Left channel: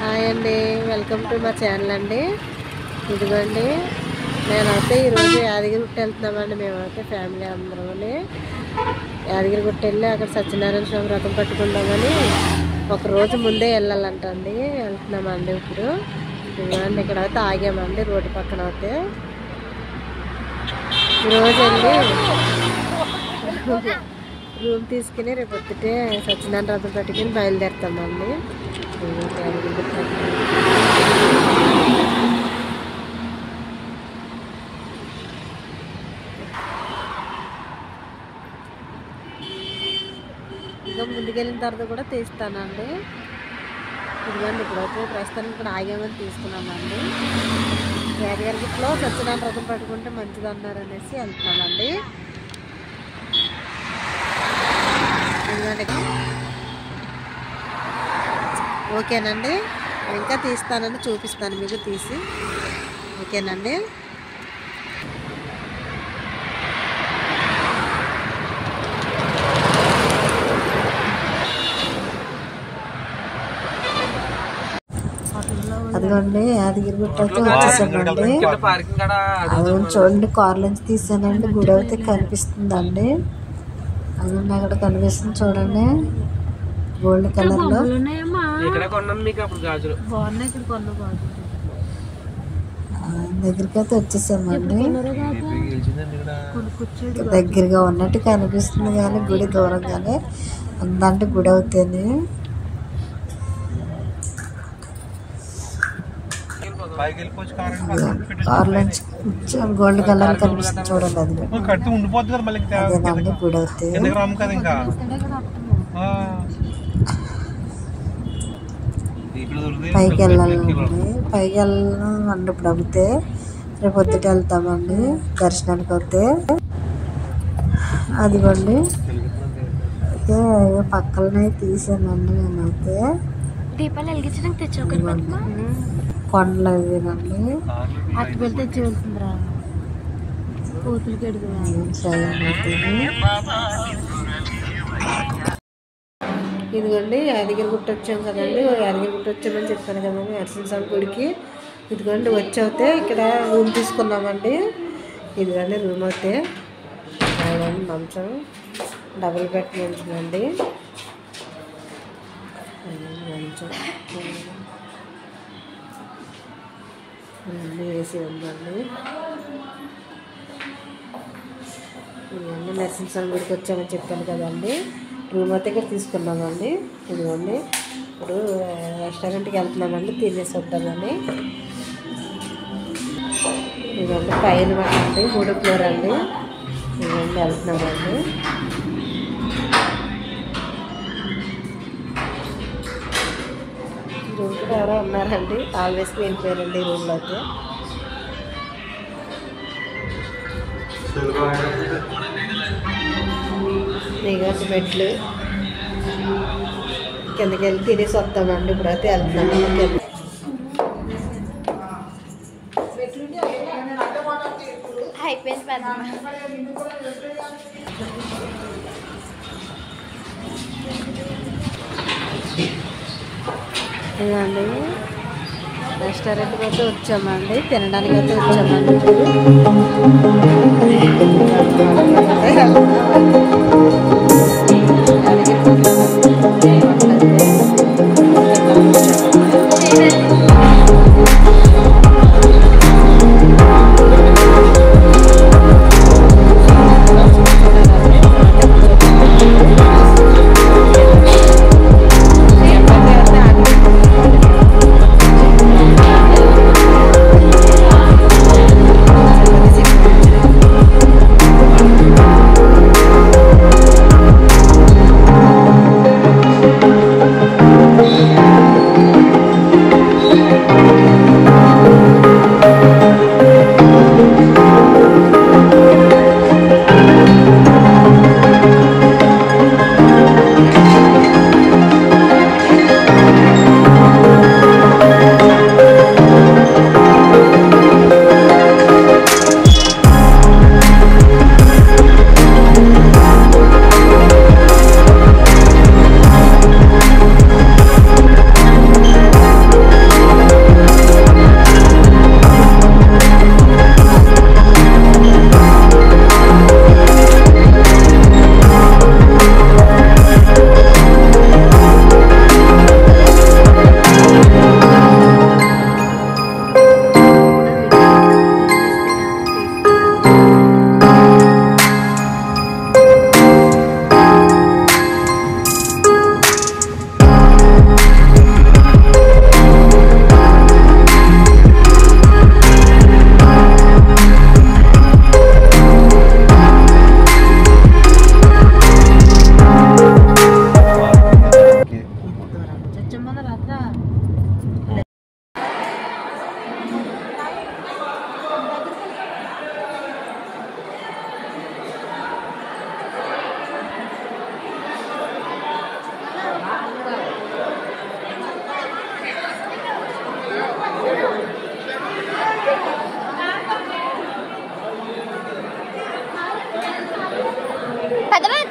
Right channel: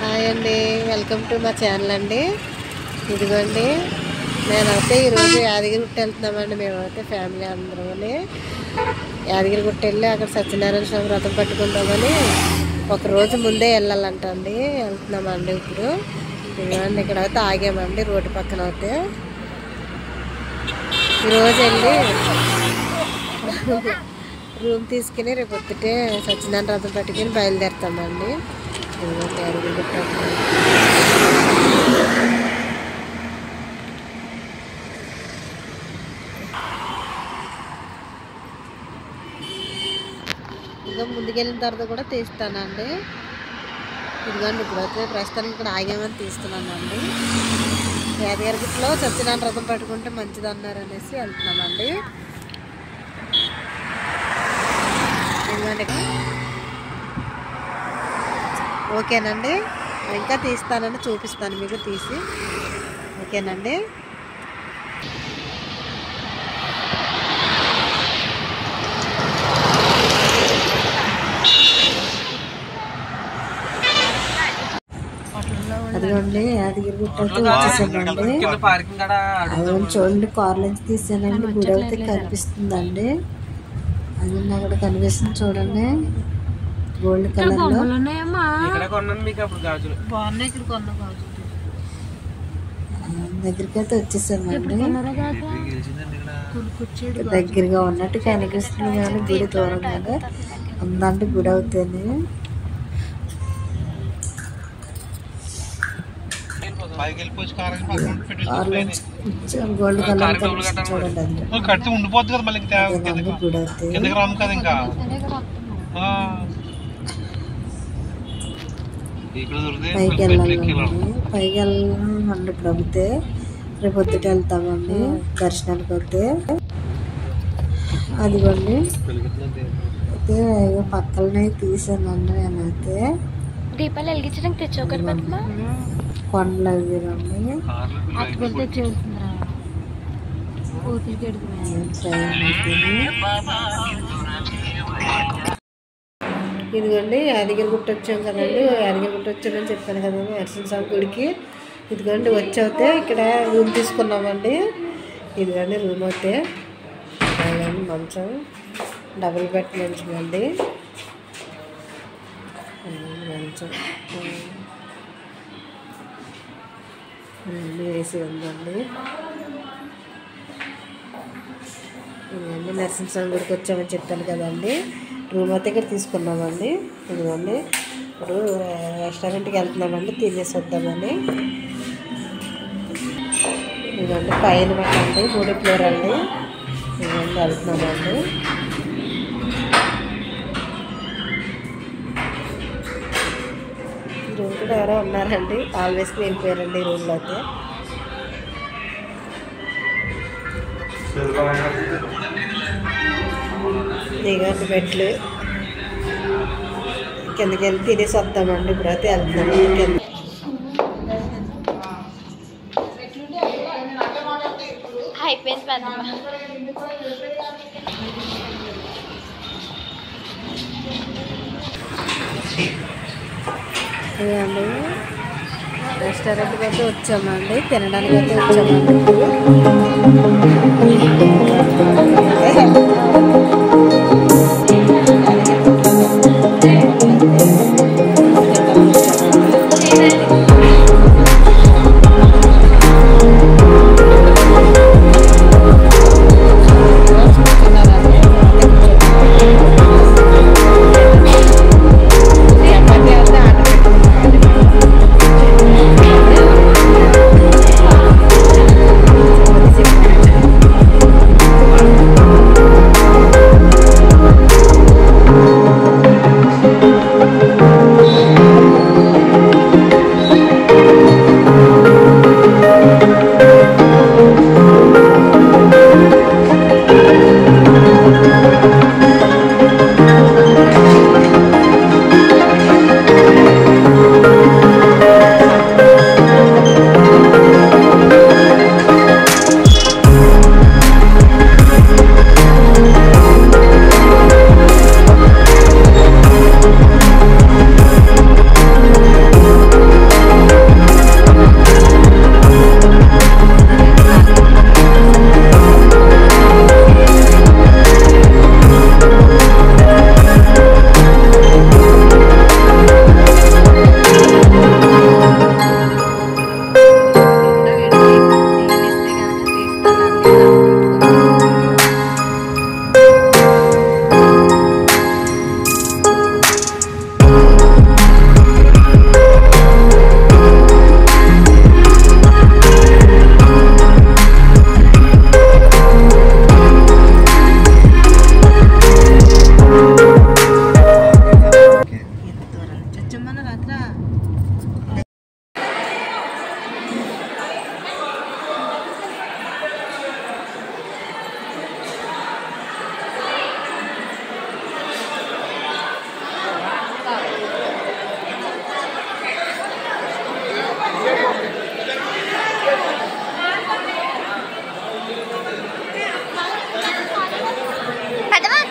Hi అండి, welcome to మా channel అండి. ఇదిగోండి నేనైతే ఈరోజు యాదగిరిగుట్ట వెళ్తున్నామండి. మేమైతే ఫ్యామిలీ అందరమని యాదగిరిగుట్ట వెళ్ళి అక్కడ సత్యనారాయణ స్వామి వ్రతం పట్టుకుందామని ఒక రోజు ముందే వెళ్ళాలంటండి. వెళ్తున్నామండి. ఇప్పుడు ఇదిగోండి ఇక్కడ అయితే ఆగామండి రోడ్డు పక్కన. అయితే ఈరోజు వెళ్ళి రూమ్ తీసుకుని రేపు పొద్దుటే సత్యనారాయణ వ్రతం పట్టుకుని బయలుదేరుతామండి. యాదగిరిగుట్ట ఇంకా ముందుకెళ్ళిన తర్వాత కూడా తీస్తానండి. ఇదిగోండి ఇప్పుడైతే ప్రస్తుతానికి ఇక్కడ ఆగామని తీస్తున్నామండి. యాదగిరిగుట్టలో సత్యనారాయణ వ్రతం పట్టుకుంటే మంచిది అన్నారు అనేసి వెళ్తున్నామండి. ఇదిగోండి ఓకేనండి, ఇంకా తీస్తానండి, చూపిస్తాను మీకు తీసి. ఓకేనండి. అదిగోండి యాదగిరిగుట్ట అయితే వచ్చేసామండి. అది చూడండి కార్ల నుంచి తీసానండి. గుడి అయితే కనిపిస్తుందండి. అది అక్కడ కనిపిస్తుంది చూడండి, గోల్డ్ కలర్ లో. దగ్గరికి అయితే వచ్చేసామండి. దగ్గరగా ఉన్నట్టు కనిపిస్తుంది కానీ గుడి దూరంగానే ఉందంటే గుడి అవుతుంది. గోల్డ్ కలర్ కనిపిస్తుంది చూడండి. అదేనండి గుడి అవుతుంది. పైకి వెళ్ళాలండి. పైకి వెళ్ళాలండి. ఇప్పుడు అమ్మితే రేపు పొద్దుట వెళ్తామండి దర్శనానికి. అయితే అదిగోండి అయితే పక్కలనే తీసానండి నేనైతే. దీపాలు వెలిగించడానికి తెచ్చుకోండి. కొండలు అవినండి. ఇదిగోండి యాదగిరిగుట్ట వచ్చాం కదండి. యాదగిరిగుట్ట వచ్చామని చెప్పాను కదండి నరసింహస్వామి గుడికి. ఇదిగోండి వచ్చి ఇక్కడ రూమ్ తీసుకున్నామండి. ఇదిగోండి రూమ్ అయితే అదండి మంచం, డబుల్ బెడ్ మంచం అండి. మంచం వేసి ఉందండి. ఇదిగోండి నరసింహస్వామి గుడికి వచ్చామని చెప్పాను కదండి. రూమ్ అయితే ఇక్కడ తీసుకున్నామండి. ఇదిగోండి ఇప్పుడు రెస్టారెంట్కి వెళ్తున్నామండి, తినేసి వద్దామని. ఇదిగోండి పైన మాట అండి, 3వ ఫ్లోర్ అండి. ఇదిగోండి వెళ్తున్నామండి. రూమ్ కూడా ఎవరో ఉన్నారండి, ఆల్వేస్కి వెళ్ళిపోయారండి రూమ్లో అయితే. ఇదిగోండి బెడ్లు. కిందకి వెళ్ళి తినేసి వద్దామండి. ఇప్పుడైతే వెళ్తున్నాము కింద. అయిపోయింది పెద్దమ్మ. ఇదండి రెస్టారెంట్కి అయితే వచ్చామండి, తినడానికి అయితే వచ్చామండి. ఇప్పుడు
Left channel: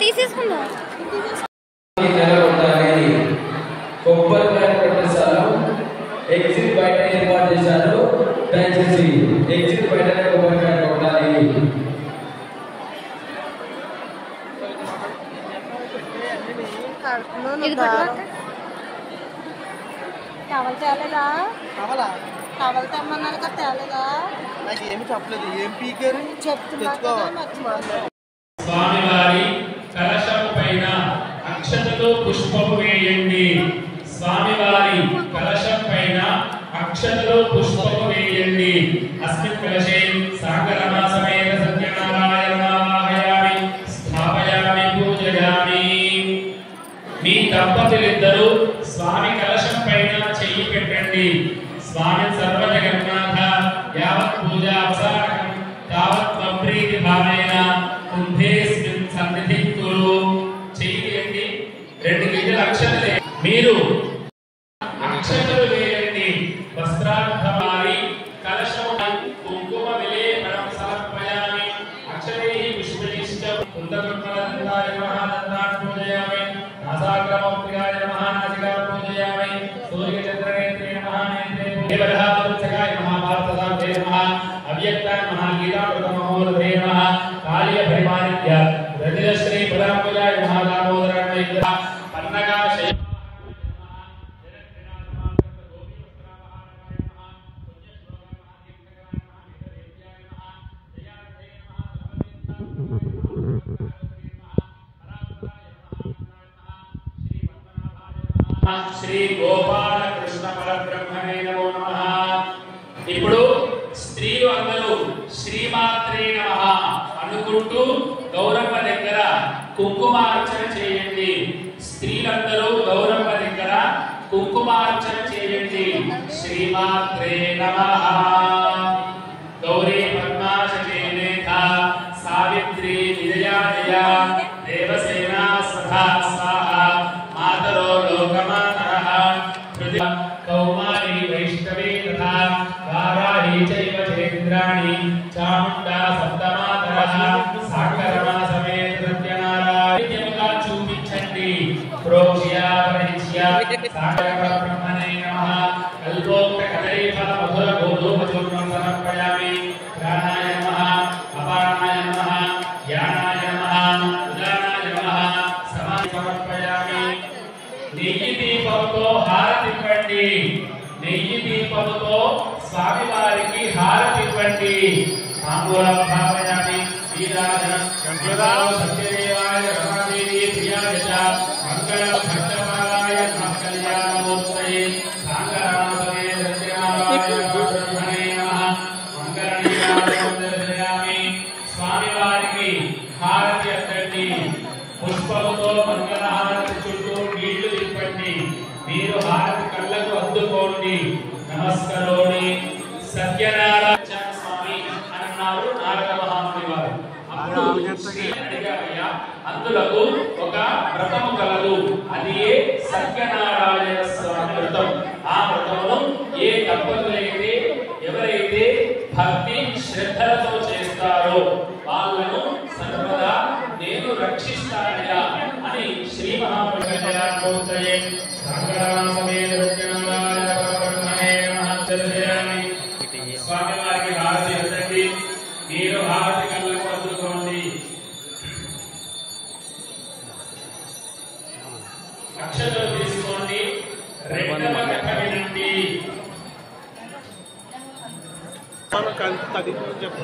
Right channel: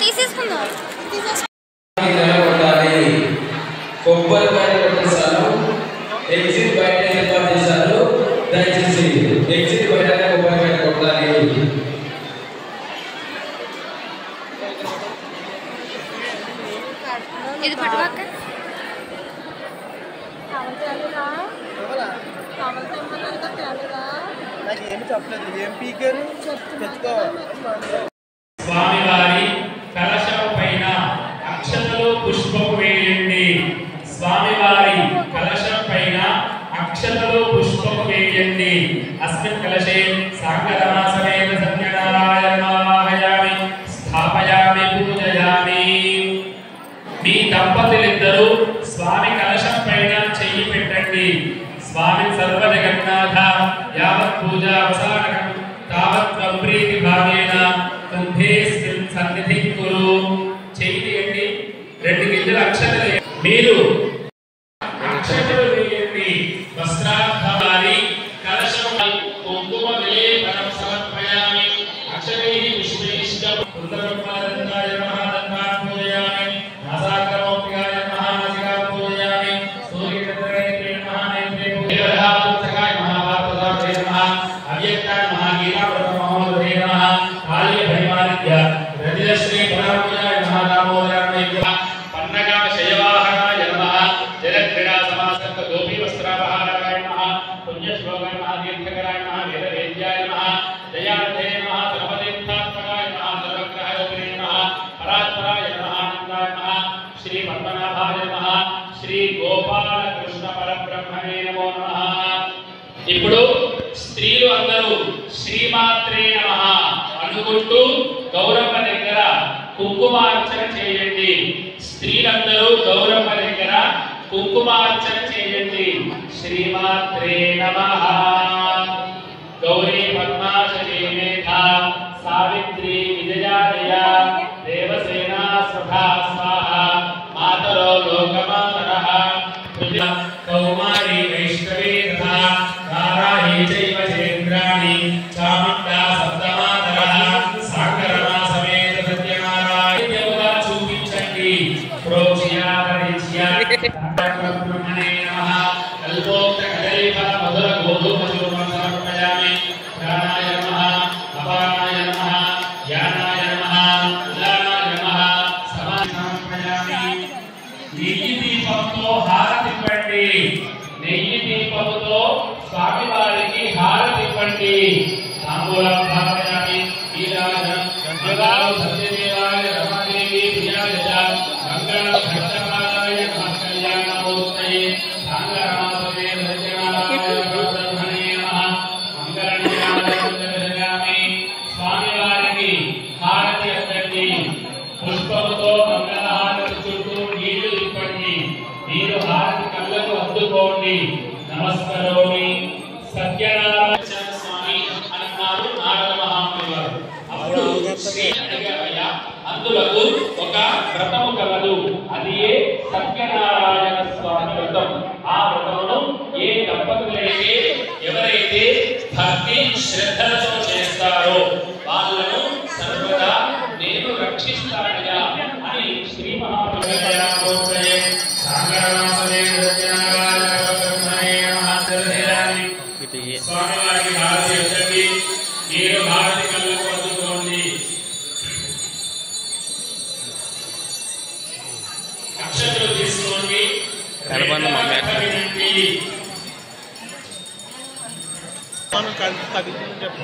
తీసేసుకుందాం. కొబ్బరికాయ పెట్టేశాను. ఎగ్జిట్ బయట ఏర్పాటు చేశాను. దయచేసి ఎగ్జిట్ బయటనే కొబ్బరికాయ కొట్టాలి. ఇది పట్టుకోక స్వామివారి కలశం పైన అక్షతలు పుష్పము వేయండి. స్వామివారి కలశం పైన అక్షతలు పుష్పము వేయండి. అస్మిన్ కలశే సాంగరమాసమేత సత్యనారాయణమావాహయామి స్థాపయామి పూజయామి. మీ దంపతులిద్దరూ స్వామి కలశం పైన చెయ్యి పెట్టండి. స్వామి సర్వజగన్నాథ యావత్ పూజా అవసానకం తావత్ ప్రీతి భావేన కుంభేస్మిన్ సన్నిధిం కురు. చెయ్యి తీయండి. 2 గింజల అక్షతలు మీరు అక్షతలు వేయండి. వస్త్రార్థాని కలశమై కుంకుమ విలేపనం సమర్పయామి. అక్షతైః పుష్పైశ్చ కుందకర్మలందాయ నమః దంతాన్ పూజయామి. నాసాగ్రమౌక్తికాయ నమః నాసికాం పూజయామి. సూర్యచంద్రనేత్రే నమః నేత్రే పూజయామి. మహాభారతదాయ నమః అవ్యక్తాయ నమః గీతామృతమహోదయ నమః కాళీయ పరిమాణిత్య రజితశ్రీ పరామయాయ నమః దామోదరాయ పన్నగా శయవాహనాయ నమః జలక్రీడా సమాసక్త గోపీ వస్త్రాపహారాయ నమః పుణ్యశ్లోకాయ నమః దీర్ఘకరాయ నమః వేదవేద్యాయ నమః దయానిధే నమః సర్వతీర్థాత్మకాయ నమః సర్వగ్రహయోగినే నమః పరాత్పరాయ నమః ఆనందాయ నమః శ్రీ పద్మనాభాయ నమః శ్రీ గోపాల కృష్ణ పరబ్రహ్మణే నమో నమః. ఇప్పుడు స్త్రీలు అందరూ శ్రీమాత్రే నమః అనుకుంటూ గౌరమ్మ దగ్గర కుంకుమార్చన చేయండి. స్త్రీలందరూ గౌరమ్మ దగ్గర కుంకుమార్చన చేయండి. శ్రీమాత్రే నమః. గౌరీ పద్మాశజే మేధా సావిత్రి విజయాలయ దేవసేనా స్వధా స్వాహ మాతరో లోకమాతరః పృథివీ కౌమారీ వైష్ణవీ తథా వారాహి చైవ చేంద్రాణి చాముండా సప్తమాతరః సాంగరమా సమేత సత్యనారాయణ్యముగా చూపించండి. ప్రోక్ష్యాపరిచ్య సాంగరబ్రహ్మణే నమః. కల్పోక్త కదలీఫల మధుర గోధూమ చూర్ణం సమర్పయామి. ప్రాణాయ నమః అపానాయ నమః ధ్యానాయ నమః ఉదానాయ నమః సమాధి సమర్పయామి. నెయ్యి దీపంతో హారతివ్వండి. నెయ్యి దీపముతో స్వామివారికి హారతివ్వండి. తాంబూలం భావయామి. వీరాజనం సత్యదేవాయ రమాదేవి ప్రియాయ చ మంగళం భక్తపాదాయ నమః కళ్యాణమూర్తయే సాంగరమాసమే సత్యనారాయణ బ్రహ్మణే నమః. మంగళం దర్శయామి. స్వామివారికి హారతి అందండి. పుష్పముతో మంగళహారతి చుట్టూ నీళ్లు తిప్పండి. మీరు హారతి కళ్ళకు అద్దుకోండి. నమస్కరోమి. సత్యనారాయణ స్వామి అన్నారు నారద మహాముని వారు. అప్పుడు శ్రీ అడిగామయ్య అందులకు ఒక వ్రతము కలదు. అది సత్యనారాయణ స్వామి వ్రతం. ఆ వ్రతమును ఏ దంపతులైతే ఎవరైతే భక్తి శ్రద్ధలతో చేస్తారో వాళ్ళను సర్వదా నేను రక్షిస్తానయ్యా అని శ్రీ మహాప్రభుత్వయే సాగరమాసమే సత్యనారాయణ బ్రహ్మణే మహాదర్శయామి. స్వామివారికి హారతి ఇవ్వండి. మీరు హారతి కళ్ళకు అందుకోండి. అక్షతలు తీసుకోండి. వినండి. చెప్పు